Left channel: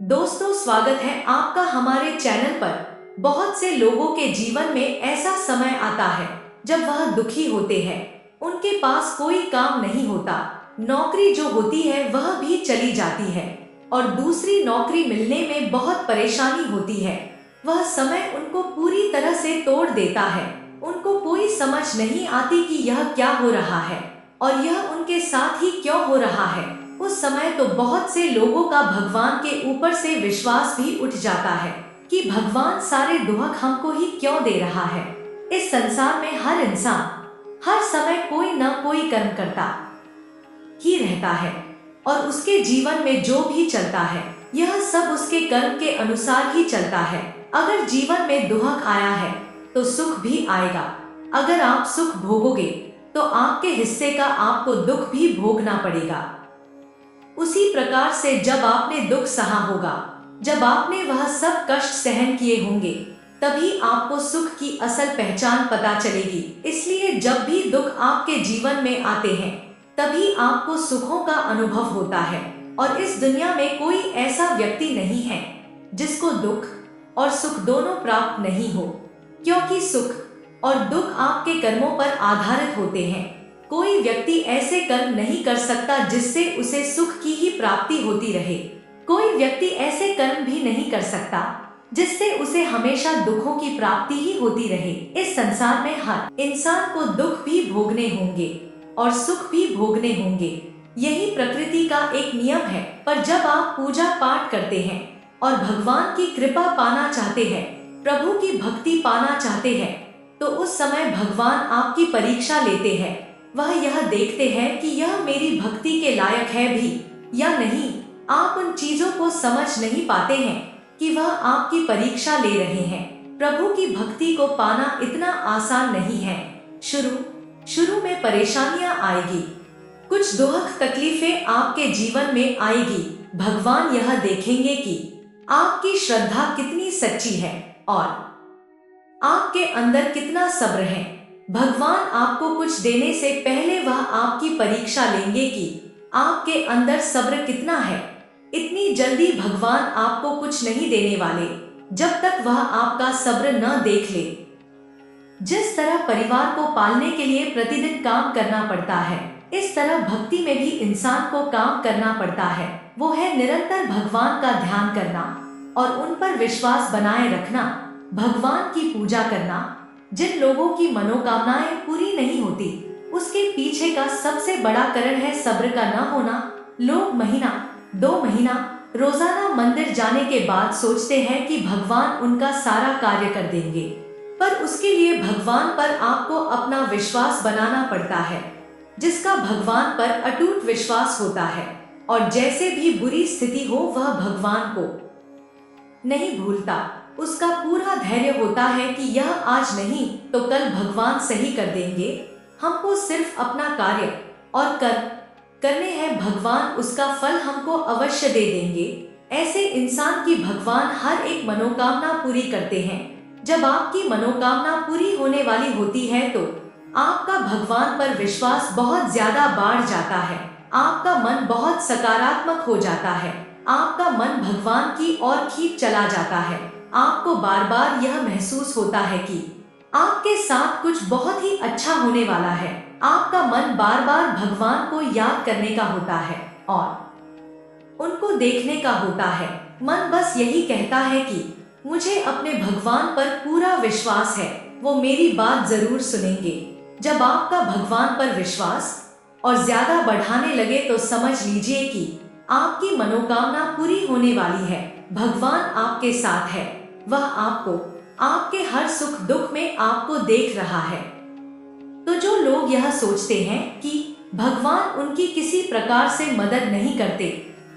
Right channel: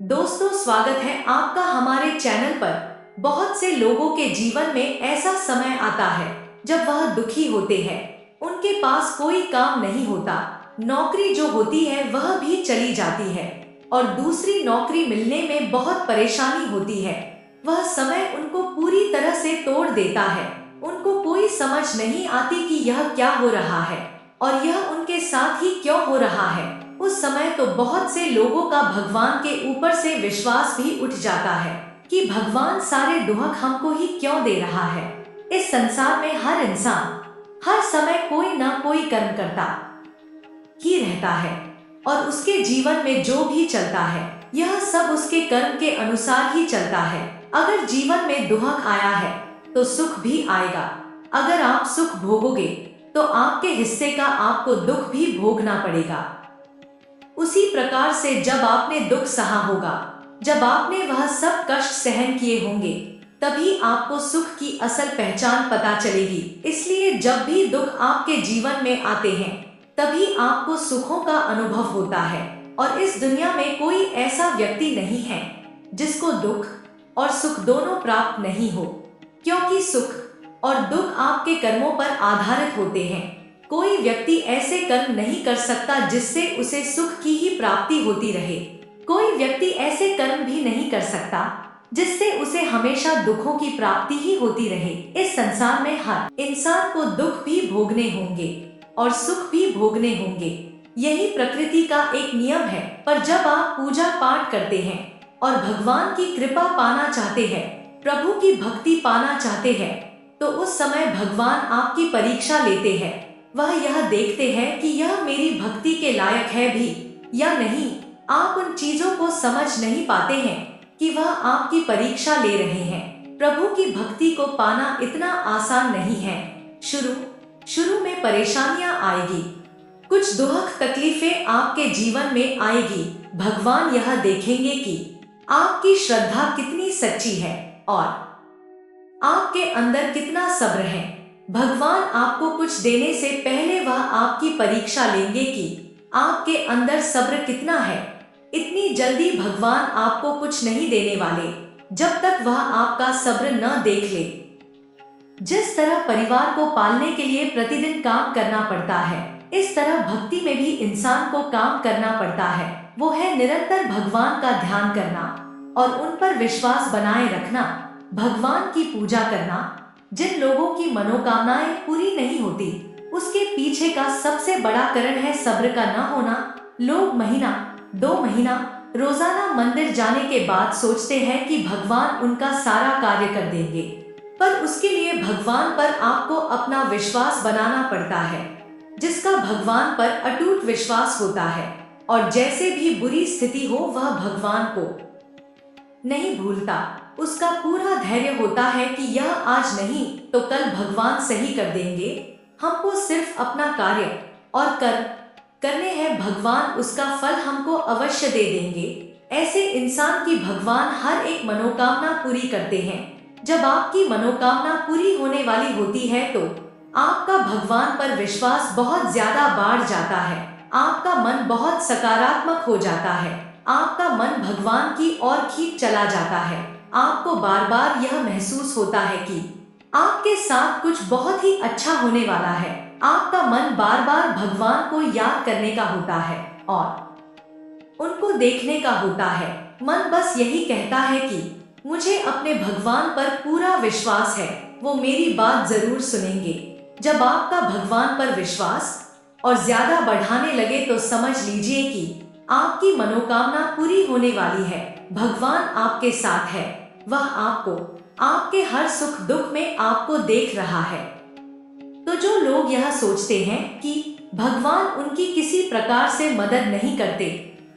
दोस्तों, स्वागत है आपका हमारे चैनल पर। बहुत से लोगों के जीवन में ऐसा समय आता है जब वह दुखी होते हैं। उनके पास कोई काम नहीं होता, नौकरी जो होती है वह भी चली जाती है और दूसरी नौकरी मिलने में बहुत परेशानी होती है। वह समय उनको पूरी तरह से तोड़ देता है। उनको कोई समझ नहीं आती कि यह क्या हो रहा है और यह उनके साथ ही क्यों हो रहा है। उस समय तो बहुत से लोगों का भगवान के ऊपर से विश्वास भी उठ जाता है कि भगवान सारे दुख हमको ही क्यों दे रहा है। इस संसार में हर इंसान हर समय कोई ना कोई कर्म करता ही रहता है और उसके जीवन में जो भी चलता है यह सब उसके कर्म के अनुसार ही चलता है। अगर जीवन में दुख आया है तो सुख भी आएगा। अगर आप सुख भोगोगे तो आपके हिस्से का आपको दुख भी भोगना पड़ेगा। उसी प्रकार से जब आपने दुख सहा होगा, जब आपने वह सब कष्ट सहन किए होंगे, तभी आपको सुख की असल पहचान पता चलेगी। इसलिए जब भी दुख आपके जीवन में आते हैं तभी आपको सुखों का अनुभव होता है। और इस दुनिया में कोई ऐसा व्यक्ति नहीं है जिसको दुख और सुख दोनों प्राप्त नहीं हो, क्योंकि सुख और दुख आपके कर्मों पर आधारित होते हैं। कोई व्यक्ति ऐसे कर्म नहीं कर सकता जिससे उसे सुख की ही प्राप्ति होती रहे। कोई व्यक्ति ऐसे कर्म भी नहीं कर सकता जिससे उसे हमेशा दुखों की प्राप्ति ही होती रहे। इस संसार में हर इंसान को दुख भी भोगने होंगे और सुख भी भोगने होंगे। यही प्रकृति का एक नियम है। पर जब आप पूजा पाठ करते हैं और भगवान की कृपा पाना चाहते हैं, प्रभु की भक्ति पाना चाहते हैं, तो उस समय भगवान आपकी परीक्षा लेते हैं। वह यह देखते हैं कि यह मेरी भक्ति के लायक है भी या नहीं। आप उन चीजों को समझ नहीं पाते हैं कि वह आपकी परीक्षा ले रहे हैं। प्रभु की भक्ति को पाना इतना आसान नहीं है। शुरू में परेशानियां आएगी, कुछ दुख तकलीफें आपके जीवन में आएगी। भगवान यह देखेंगे कि आपकी श्रद्धा कितनी सच्ची है और आपके अंदर कितना सब्र है। भगवान आपको कुछ देने से पहले वह आपकी परीक्षा लेंगे कि आपके अंदर सब्र कितना है। इतनी जल्दी भगवान आपको कुछ नहीं देने वाले जब तक वह आपका सब्र न देख ले। जिस तरह परिवार को पालने के लिए प्रतिदिन काम करना पड़ता है, इस तरह भक्ति में भी इंसान को काम करना पड़ता है। वो है निरंतर भगवान का ध्यान करना और उन पर विश्वास बनाए रखना, भगवान की पूजा करना। जिन लोगों की मनोकामनाएं पूरी नहीं होती, उसके पीछे का सबसे बड़ा कारण है सब्र का न होना। लोग महीना 2 महीना रोजाना मंदिर जाने के बाद सोचते हैं कि भगवान उनका सारा कार्य कर देंगे, पर उसके लिए भगवान पर आपको अपना विश्वास बनाना पड़ता है। जिसका भगवान पर अटूट विश्वास होता है और जैसे भी बुरी स्थिति हो वह भगवान को नहीं भूलता, उसका पूरा धैर्य होता है कि यह आज नहीं तो कल भगवान सही कर देंगे। हमको सिर्फ अपना कार्य और करने हैं, भगवान उसका फल हमको अवश्य दे देंगे। ऐसे इंसान की भगवान हर एक मनोकामना पूरी करते हैं। जब आपकी मनोकामना पूरी होने वाली होती है तो आपका भगवान पर विश्वास बहुत ज्यादा बढ़ जाता है। आपका मन बहुत सकारात्मक हो जाता है। आपका मन भगवान की ओर खींच चला जाता है। आपको बार बार यह महसूस होता है कि आपके साथ कुछ बहुत ही अच्छा होने वाला है। आपका मन बार बार भगवान को याद करने का होता है और उनको देखने का होता है। मन बस यही कहता है कि मुझे अपने भगवान पर पूरा विश्वास है, वो मेरी बात जरूर सुनेंगे। जब आपका भगवान पर विश्वास और ज्यादा बढ़ाने लगे तो समझ लीजिए कि आपकी मनोकामना पूरी होने वाली है। भगवान आपके साथ है, वह आपको आपके हर सुख दुख में आपको देख रहा है। तो जो लोग यह सोचते हैं कि भगवान उनकी किसी प्रकार से मदद नहीं करते,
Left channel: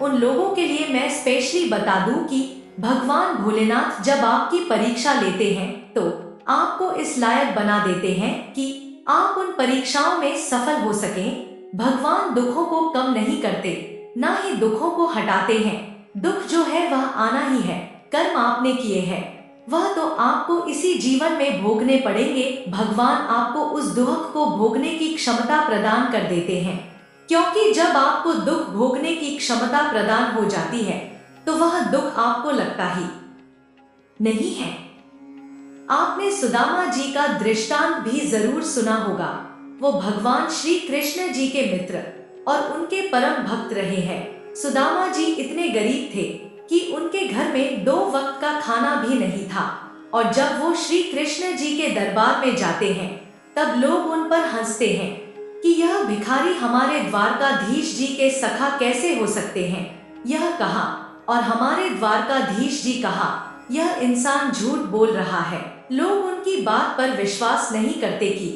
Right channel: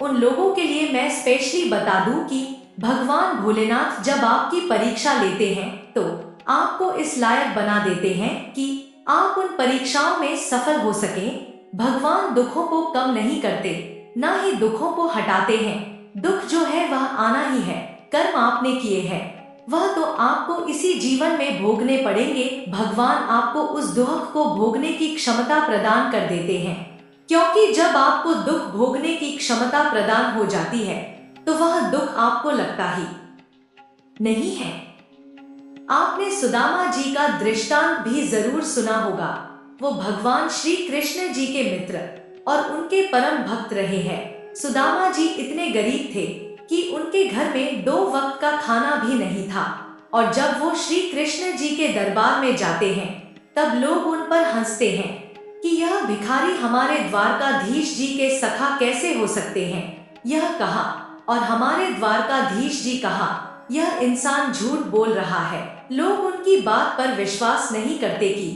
उन लोगों के लिए मैं स्पेशली बता दूं कि भगवान भोलेनाथ जब आपकी परीक्षा लेते हैं तो आपको इस लायक बना देते हैं कि आप उन परीक्षाओं में सफल हो सकें। भगवान दुखों को कम नहीं करते, ना ही दुखों को हटाते हैं। दुख जो है वह आना ही है। कर्म आपने किए हैं वह तो आपको इसी जीवन में भोगने पड़ेंगे। भगवान आपको उस दुख को भोगने की क्षमता प्रदान कर देते हैं, क्योंकि जब आपको दुख भोगने की क्षमता प्रदान हो जाती है तो वह दुख आपको लगता ही नहीं है। आपने सुदामा जी का दृष्टांत भी जरूर सुना होगा। वो भगवान श्री कृष्ण जी के मित्र और उनके परम भक्त रहे हैं। सुदामा जी इतने गरीब थे कि उनके घर में 2 वक्त का खाना भी नहीं था, और जब वो श्री कृष्ण जी के दरबार में जाते हैं तब लोग उन पर हंसते हैं कि यह भिखारी हमारे द्वारकाधीश जी के सखा कैसे हो सकते हैं। यह कहा और हमारे द्वारकाधीश जी कहा, यह इंसान झूठ बोल रहा है। लोग उनकी बात पर विश्वास नहीं करते कि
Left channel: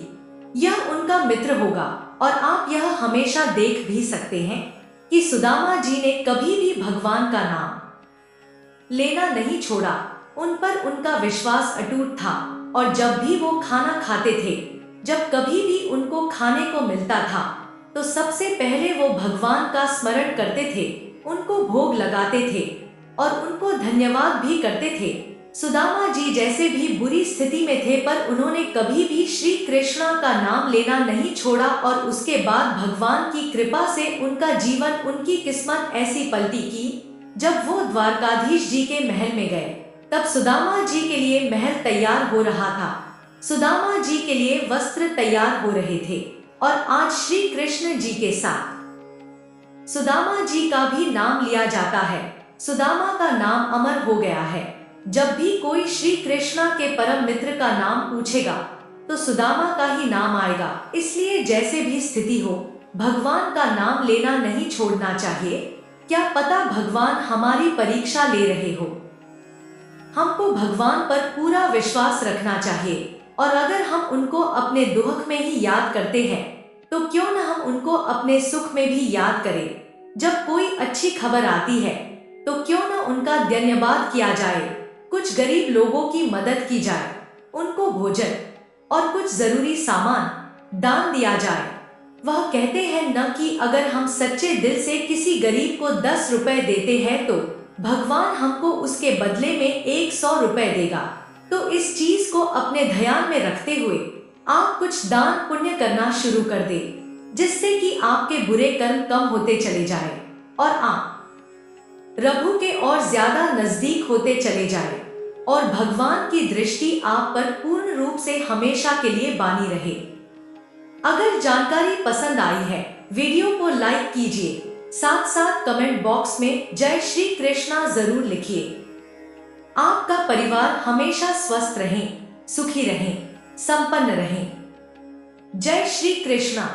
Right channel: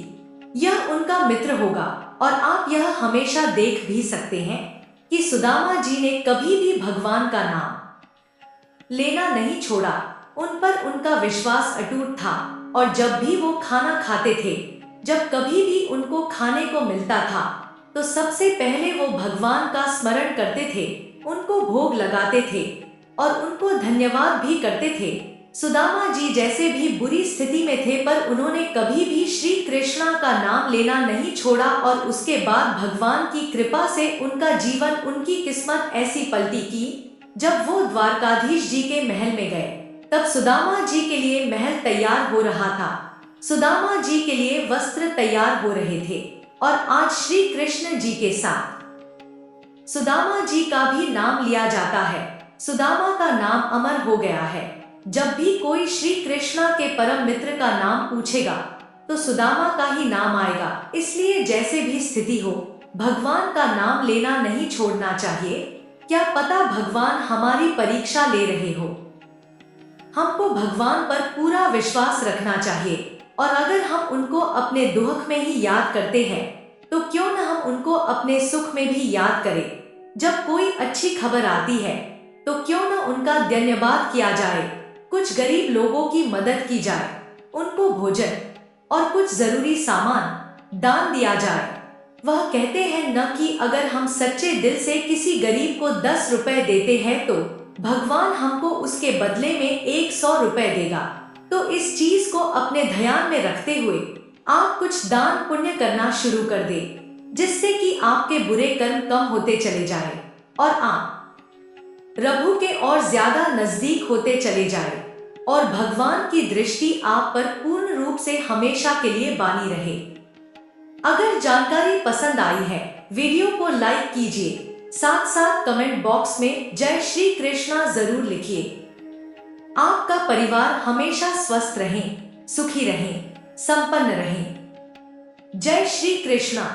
यह उनका मित्र होगा। और आप यह हमेशा देख भी सकते हैं कि सुदामा जी ने कभी भी भगवान का नाम लेना नहीं छोड़ा। उन पर उनका विश्वास अटूट था, और जब भी वो खाना खाते थे, जब कभी भी उनको खाने को मिलता था, तो सबसे पहले वो भगवान का स्मरण करते थे, उनको भोग लगाते थे और उनको धन्यवाद भी करते थे। सुदामा जी जैसे भी बुरी स्थिति में थे, पर उन्होंने कभी भी श्री कृष्णा का नाम लेना नहीं छोड़ा, और उसके बाद भगवान की कृपा से उनका जीवन, उनकी किस्मत ऐसी पलटी कि जब वो द्वारकाधीश जी के महल में गए, तब सुदामा जी के लिए महल तैयार हो रहा था, सुदामा जी के लिए वस्त्र तैयार हो रहे थे, और आज श्री कृष्ण जी के साथ सुदामा जी का भी नाम लिया जाता है। सुदामा का नाम अमर हो गया है। जब भी कोई श्री कृष्णा के परम मित्र का नाम पूछेगा तो सुदामा का ही नाम आएगा। इसलिए जैसे भी स्थिति हो, भगवान का नाम लेना नहीं छोड़ना चाहिए। क्या पता भगवान हमारी परीक्षा ले रहे हो। हमको भगवान पर पूरा विश्वास रखना चाहिए, और अगर हम उनको अपने दुख में ही याद करते हैं तो क्यों न हम उनको अपने सुख में भी याद करें। जब कोई अच्छी खबर आती है तो क्यों न उनका धन्यवाद किया जाए, कुछ गरीब लोगों की मदद की जाए, उनको भोजन और कुछ जरूरी सामान दान दिया जाए। वह कहते हैं न कि अगर हम सच्चे दिल से किसी गरीब को 10 रुपए देते हैं तो भगवान हमको उसके बदले में 100 रुपए देगा। तो इस चीज को अपने ध्यान में रखते हुए आप कुछ दान पुण्य करना शुरू कर दे, जिससे कि आपके बुरे कर्म कम होते चले जाए और आप प्रभु के और ज्यादा नजदीक होते चले जाए, और भगवान की दृष्टि आप पर पूर्ण रूप से हमेशा के लिए बानी रहे। अगर जानकारी पसंद आई है, वीडियो को लाइक कीजिए, साथ साथ कमेंट बॉक्स में जय श्री कृष्णा जरूर लिखिए। आपका परिवार हमेशा स्वस्थ रहे, सुखी रहे, संपन्न रहे। जय श्री कृष्णा।